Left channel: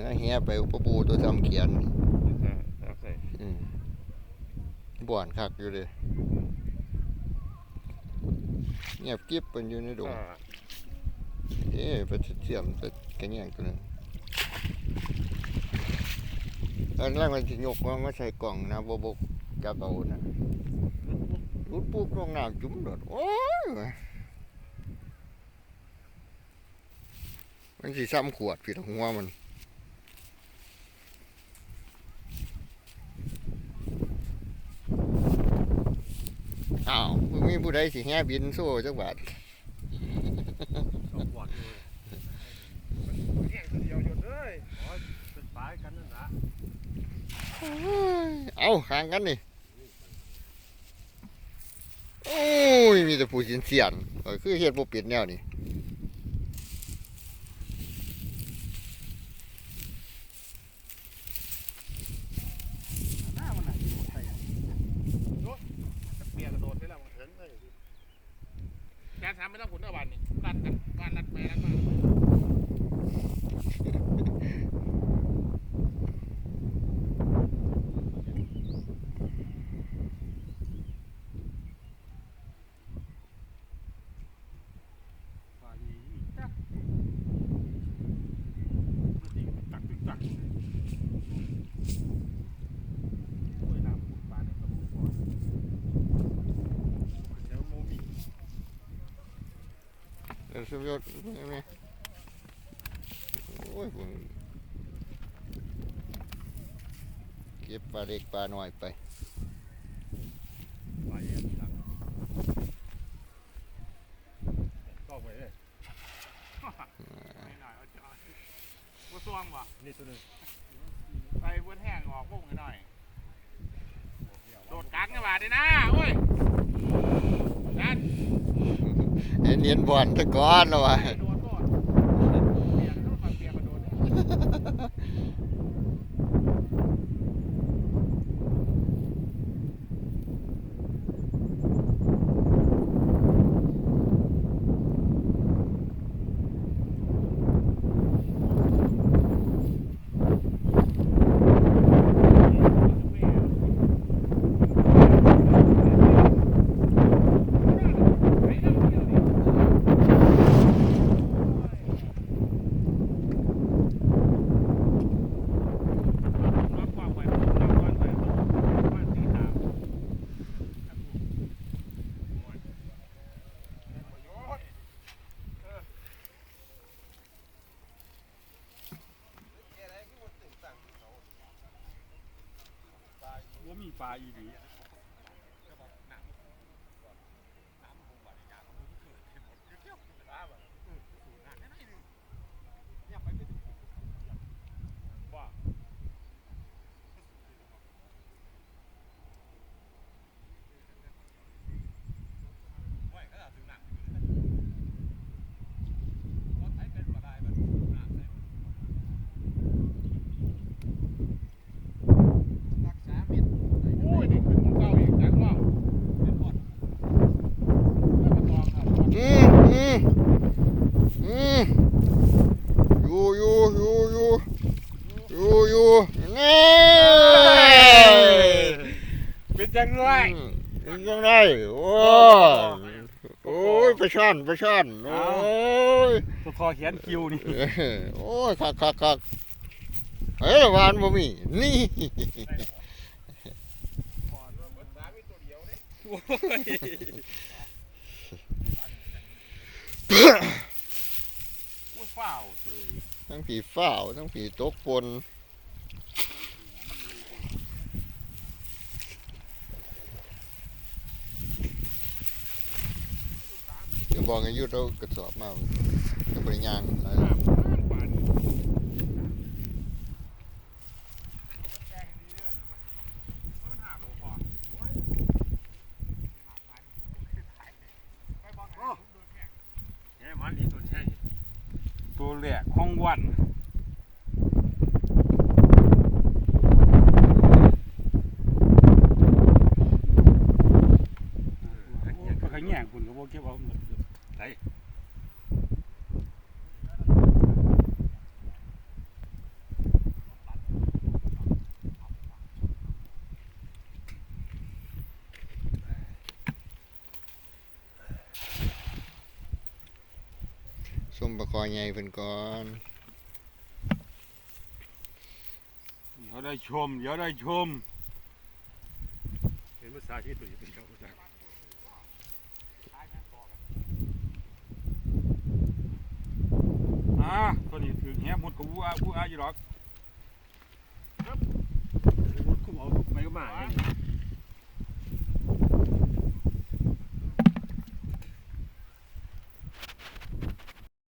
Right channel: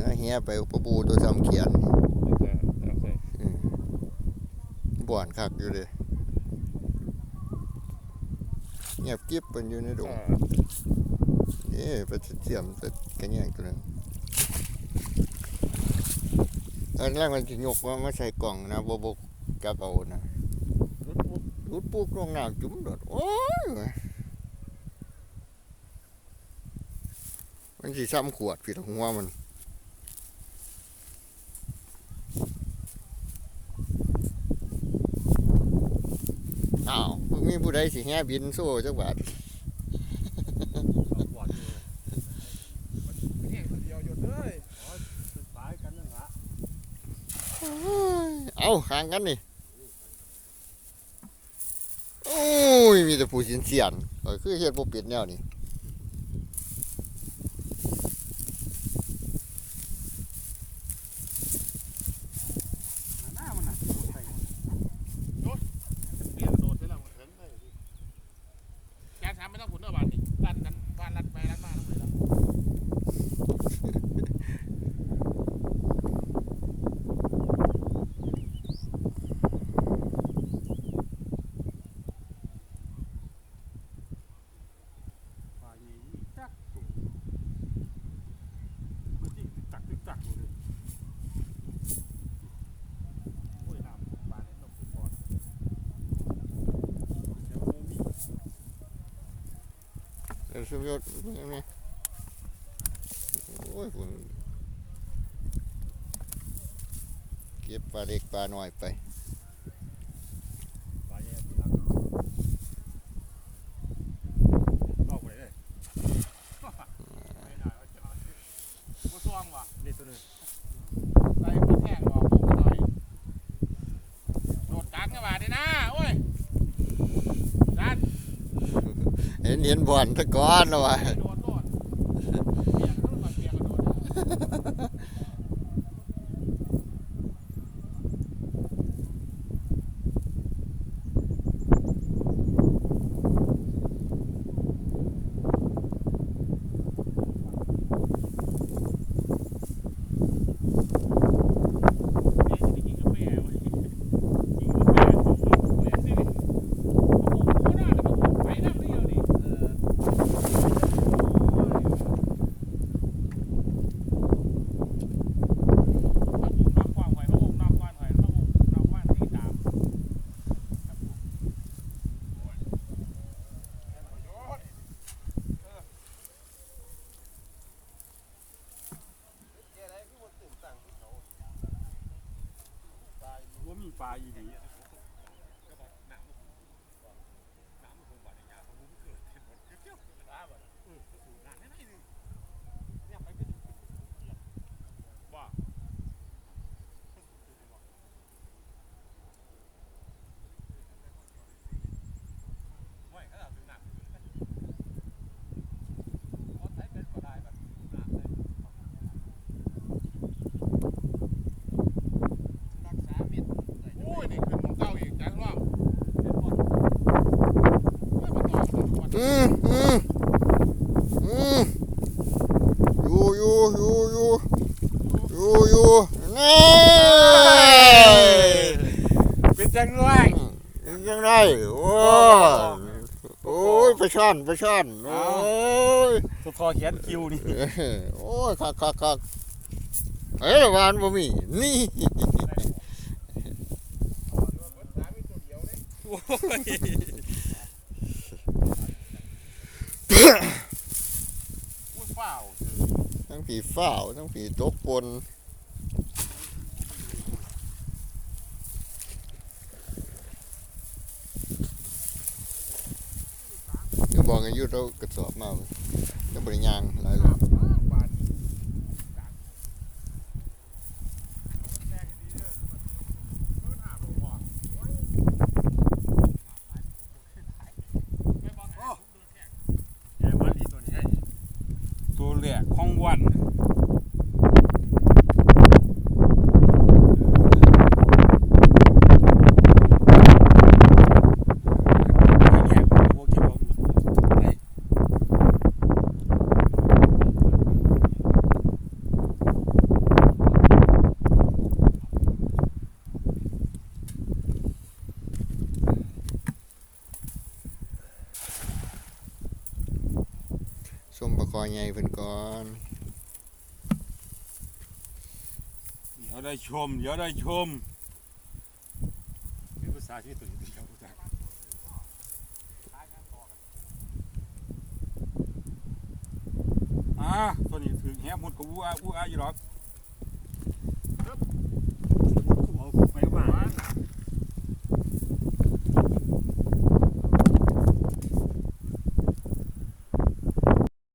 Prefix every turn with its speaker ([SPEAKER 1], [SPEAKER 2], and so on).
[SPEAKER 1] นี่นะเฮียไปปะปูตัวจำเขียนนี่
[SPEAKER 2] เอาใส่
[SPEAKER 1] อืมบ่อนคักอยู่เลยเงียบกิ๊บเป็นอยู่ในดง
[SPEAKER 2] อ่า
[SPEAKER 1] เอ๊ะไปเสียมไปกระแงงตัวนึงตอนแรกมันสิยกว่ามาใส่กล่องนะบ่บกจับเอานะรุดปุ๊บลงน้ำจุ่มโดดโอ้ยมันสิซ้ำขวดผิดหัวมัน อ้าวมึงมีผู้ใดสิแห่บินโซ่จักบาท
[SPEAKER 2] แห้งคนเดียวหยุดเลยอ๋อสุดปลายกันนั่นละ
[SPEAKER 1] เอาข้างกันนี่ โอ้ย มีแต่ผู้สินเสียนเออคือเฮ็ดบ่เป็ดแนวนี่
[SPEAKER 2] หน้ามันน่ะอยู่บนไส้จะเปลี่ยนโดดได้แล้วเห็นเลย แกทำไม่ต้องขุนเอาบานนี่รัดกันบานรัดไปรัดมาฝ่ายนี้จักเมื่อกี้ก็ตักตึกตักอยู่เลยโอ้ยน้ำบานในต้มก่อนเดี๋ยวผมมี
[SPEAKER 1] เออสมยศแม่โอ้ยผมเก็บปลาเล็กปลาน้อยไป
[SPEAKER 2] แย่งออกไปเลยมาซ่วงว่ะนี่ตัวนึงไปมาแทงออกก็ได้โดดกลางกันว่าดินะโอ้ย
[SPEAKER 1] เห็นเห็นบ่อนตะก้อนแล้ววะ
[SPEAKER 2] โดนก่อนเปียกแล้วมาเปียกมาโดน ว่ามีปลาอีดีว่า โอ้ยนี่คือของเก่าอีกอย่างว่า
[SPEAKER 1] อืมอืมอืมอยู่อยู่อยู่อยู่ อยู่อยู่นี่
[SPEAKER 2] เป็นจังไร
[SPEAKER 1] อืมยังไงโอ้ยโอ้ยไปช่อนไปช่อนโอ้ย
[SPEAKER 2] ตัวคอเขียนคิวนี่
[SPEAKER 1] เอ้ยโอ้ยคักคักคักเฮ้ยวานบ่มีนี่
[SPEAKER 2] อุ้ยเปล่า
[SPEAKER 1] ทั้งผีฝ้าวทั้งผีตกปน ยู่บอกให้อยุดเอากระสอบมาก็บริยางหลายรอบ
[SPEAKER 2] แกมาดีตัวนี้ให้ตัวแรกห้องวันไม่แยกพวกที่บอกไหน
[SPEAKER 1] เมปลาคอใหญ่เพิ่นก่อน
[SPEAKER 3] เดี๋ยวได้ชมเดี๋ยวได้ชม
[SPEAKER 2] เป็นภาษาที่ตัวนี้เป็นคำพูดจาก
[SPEAKER 3] อ่าตัวนี้ถึงแหมุดกับวัววัวอยู่หรอก